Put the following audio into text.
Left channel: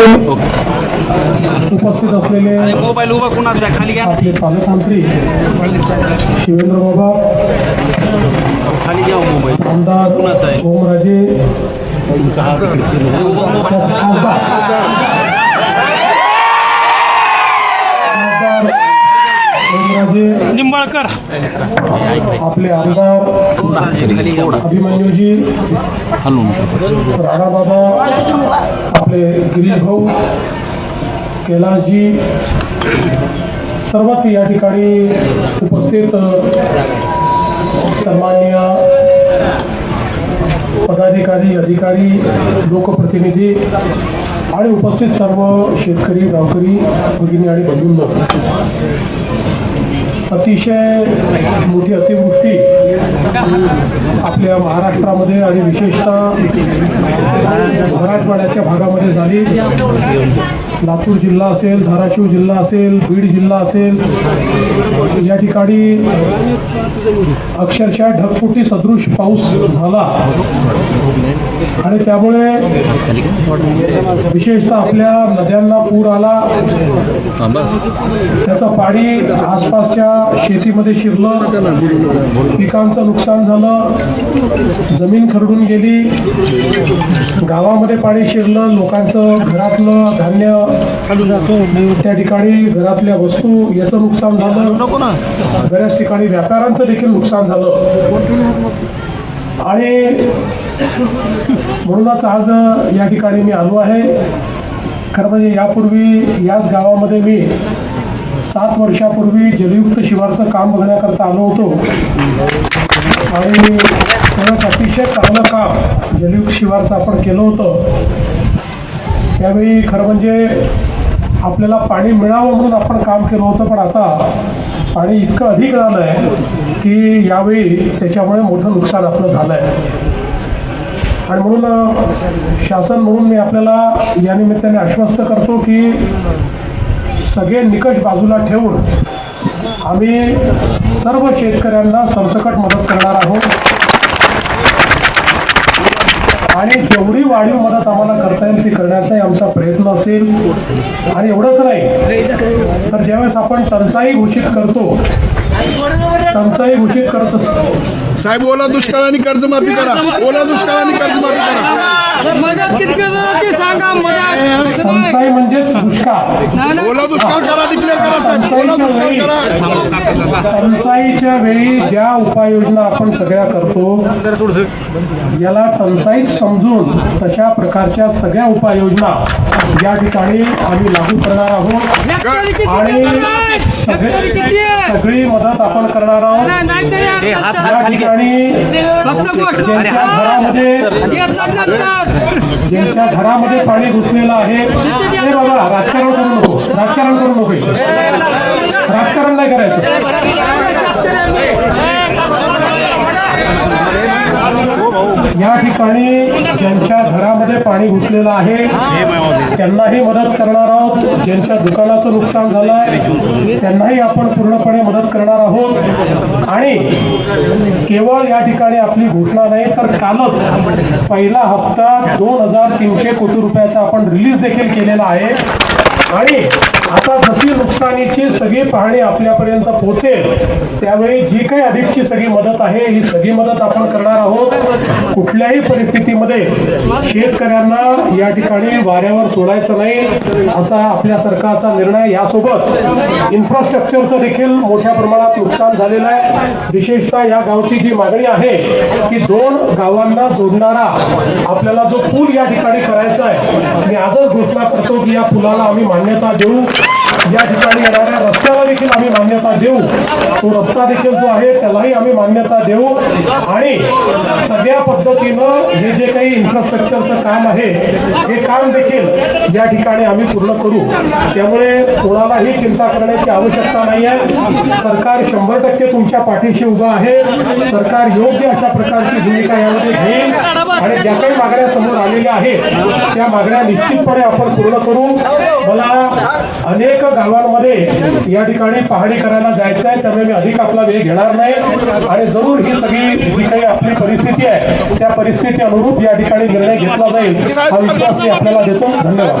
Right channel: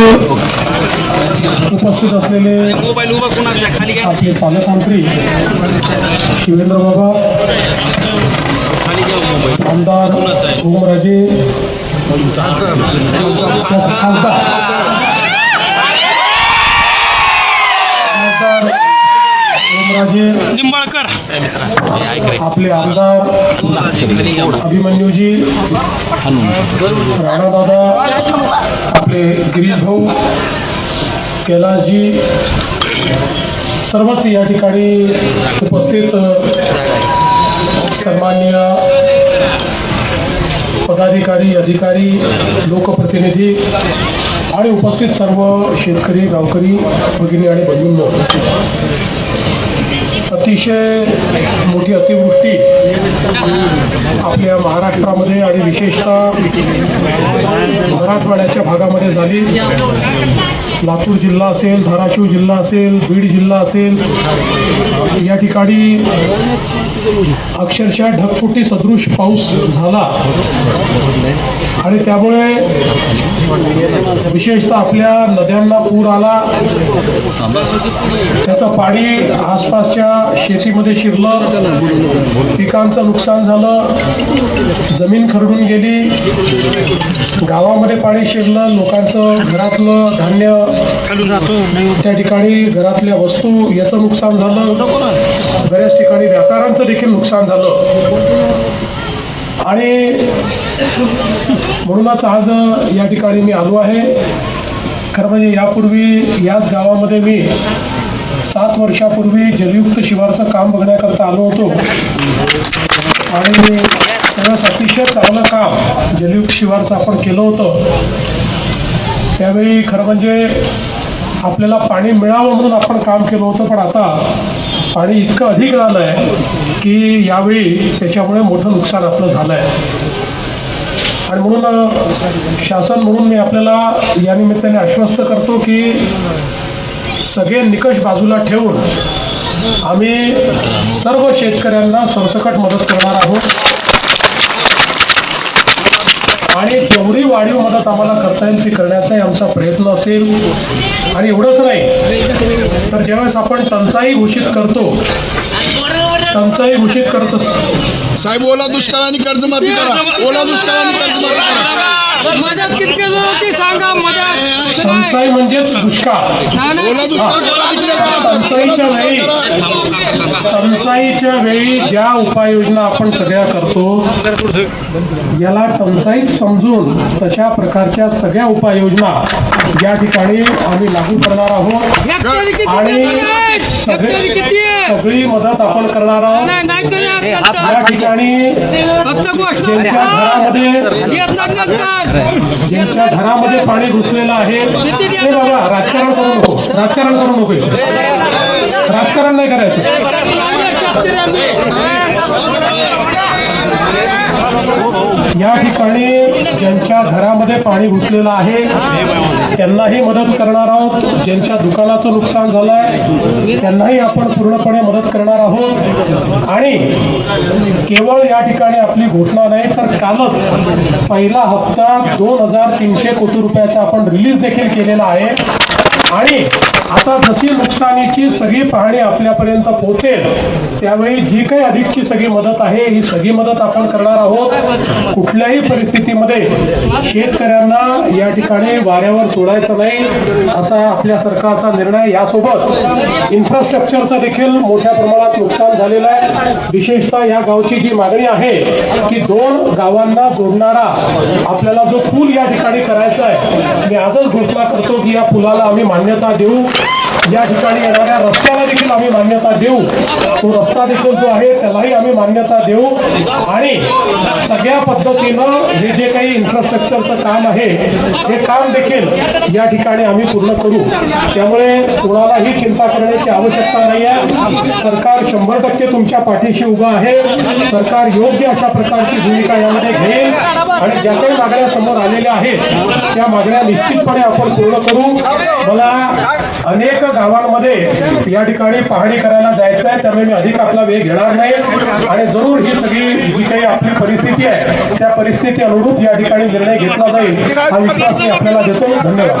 असलेले उपस्थित असलेले पालकमंत्री शिवेंद्र बाबा आमदार ओमराजे निंबाळकर. आपले आमदार अभिमन्यूजी राणाबाबा आपले गिरीश भाऊ कैलासजी सर्वच या ठिकाणी उपस्थित सन्माननीय पदाधिकारी अधिकारी लोकप्रतिनिधी आणि उपस्थित सर्व शेतकरी गावकरी भगिनी आणि बंधूंनो. अतिशय मोठी अतिवृष्टी आपल्या महाराष्ट्रामध्ये आणि विशेषतः मराठवाड्याच्या भागामध्ये झाली. लातूर जिल्हा असेल धाराशिव जिल्हा असेल बीड जिल्हा असेल या ठिकाणी अक्षरशः ढगफुटी सदृश पाऊस झाला. आणि त्यामुळे विशेषतः आपल्या नद्यांना पूर आला. त्याचं पाणी आसपासच्या शेतीमध्ये शिरलं. पिकांचं नुकसान झालं. जमीन खरडून गेली. गावामध्ये पाणी शिरलं. लोकांचं घरातलं धान्य त्या ठिकाणी घरातल्या वस्तू याचं नुकसान झालं बऱ्याच ठिकाणी व्यापाऱ्यांचं देखील नुकसान झालं. आणि म्हणूनच आज या ठिकाणी मी आलो आहे. खरं म्हणजे यापूर्वी याच गावामध्ये मी सात वर्षापूर्वी जलयुक्त शिवारचं काम बघण्याकरता आलो होतो. आणि खरंच अतिशय चांगलं काम जलयुक्त शिवारचं आपण केलं होतं. त्यावेळी खरं म्हणजे आपल्याला पाणी मिळावं म्हणून आपण काम केलं होतं पण आता पाणी इतकं अधिक झालं आहे की यावेळी त्याच्यामुळे मोठं नुकसान आपलं झालं आहे. आणि म्हणून शासन म्हणून मी आपल्याला या निमित्ताने आश्वस्त करतो की सगळे निकष बाजूला ठेवून आम्ही सर्व शेतकऱ्यांना सरसकट मदत करणार आहोत आणि जेवढी वाढीव मदत आम्हाला करता येईल ती करण्याचाही आमचा प्रयत्न असेल आणि एवढंच नाही तर ज्यावेळेस आपण टंचाई घोषित करतो टंचाई घोषित करत असतो. साहेब ओला दुष्काळ आणि कर्जमाफी करा. ओला दुष्काळ आणि कर्जमाफी करा मदत किती होती सांगा मदत टंचाई म्हणजेच दुष्काळ. ओला दुष्काळ करा डिक्लेअर करा साहेब. ओला दुष्काळ करा. टंचाईच्या वेळी ज्या उपाययोजना आपण सगळ्या करतो याला टंचाईच समजून तशा प्रकारच्या सगळ्या उपाययोजना या ठिकाणी आम्ही लागू करणार आहोत. आणि सगळे मदत आपण करणार आहोत या ठिकाणी ज्यांच्या घरामध्ये ज्यांच्या घरामध्ये पाणी घुसलेलं आहे ते बाबा राजकारण करू नको राजकारण करू नको राजकारण नाही करायचं या ठिकाणी ज्यांच्या घरामध्ये पाणी घुसलेलं आहे त्यांनाही मदत करणार आहोत. ज्यांच्या दुकानाचं नुकसान झालं आहे त्यांनाही आपण पूर्णपणे मदत करणार आहोत. आणि केवळ या ठिकाणी आपली घोषणा नाही तर कालच पहिला हप्ता दोन हजार तीनशे कोटी रुपयाचा आपण रिलीज देखील केलेला आहे. आणि आता जशी नुकसानीची सगळी पाहणी आपल्यापर्यंत पोहोचेल त्यावेळी जी काही अधिकची सगळी मदत आहे ही सगळी मदत आपण करणार आहोत. कुठल्याही परिस्थितीमध्ये शेतकऱ्यांना या ठिकाणी वाऱ्यावर सोडायचं नाही असा आपल्या सरकारचा निर्णय यासोबत इन्फ्रास्ट्रक्चरचं देखील मोठ्या प्रमाणात नुकसान झालेलं आहे. विशेषतः या गावची जी मागणी आहे की दोन गावांना जोडणारा आपल्याला जो पूल या ठिकाणी करायचा आहे मी आजच घोषणा करतो की या पुलाला आम्ही मान्यता देऊ. या ठिकाणी येणाऱ्या रस्त्याला देखील आम्ही मान्यता देऊ. तो रस्ता देखील जो आहे त्यालाही आम्ही मान्यता देऊ. आणि सगळ्या पद्धतीनं हे जे काही इन्फ्रास्ट्रक्चरचं काम आहे हे काम देखील या ठिकाणी आम्ही पूर्ण करू. त्यामुळे कोणालाही चिंता करण्याची आवश्यकता नाही आहे. सरकार शंभर टक्के तुमच्या पाठीशी उभं आहे. सरकार योग्य अशा प्रकारची भूमिका यामध्ये घेईल. आणि ज्या काही मागण्या समोर आलेल्या आहेत त्या मागण्या निश्चितपणे आपण पूर्ण करू. मला अनेक गावांमध्ये या ठिकाणी पाहणी करायला जायचं आहे त्यामुळे मी अधिक आपला वेळ घेणार नाही. आणि जरूर ही सगळी जी काही आपली परिस्थिती आहे त्या परिस्थिती अनुरूप या ठिकाणी निर्णय घेतला जाईल हा विश्वास मी आपल्याला देतो. धन्यवाद.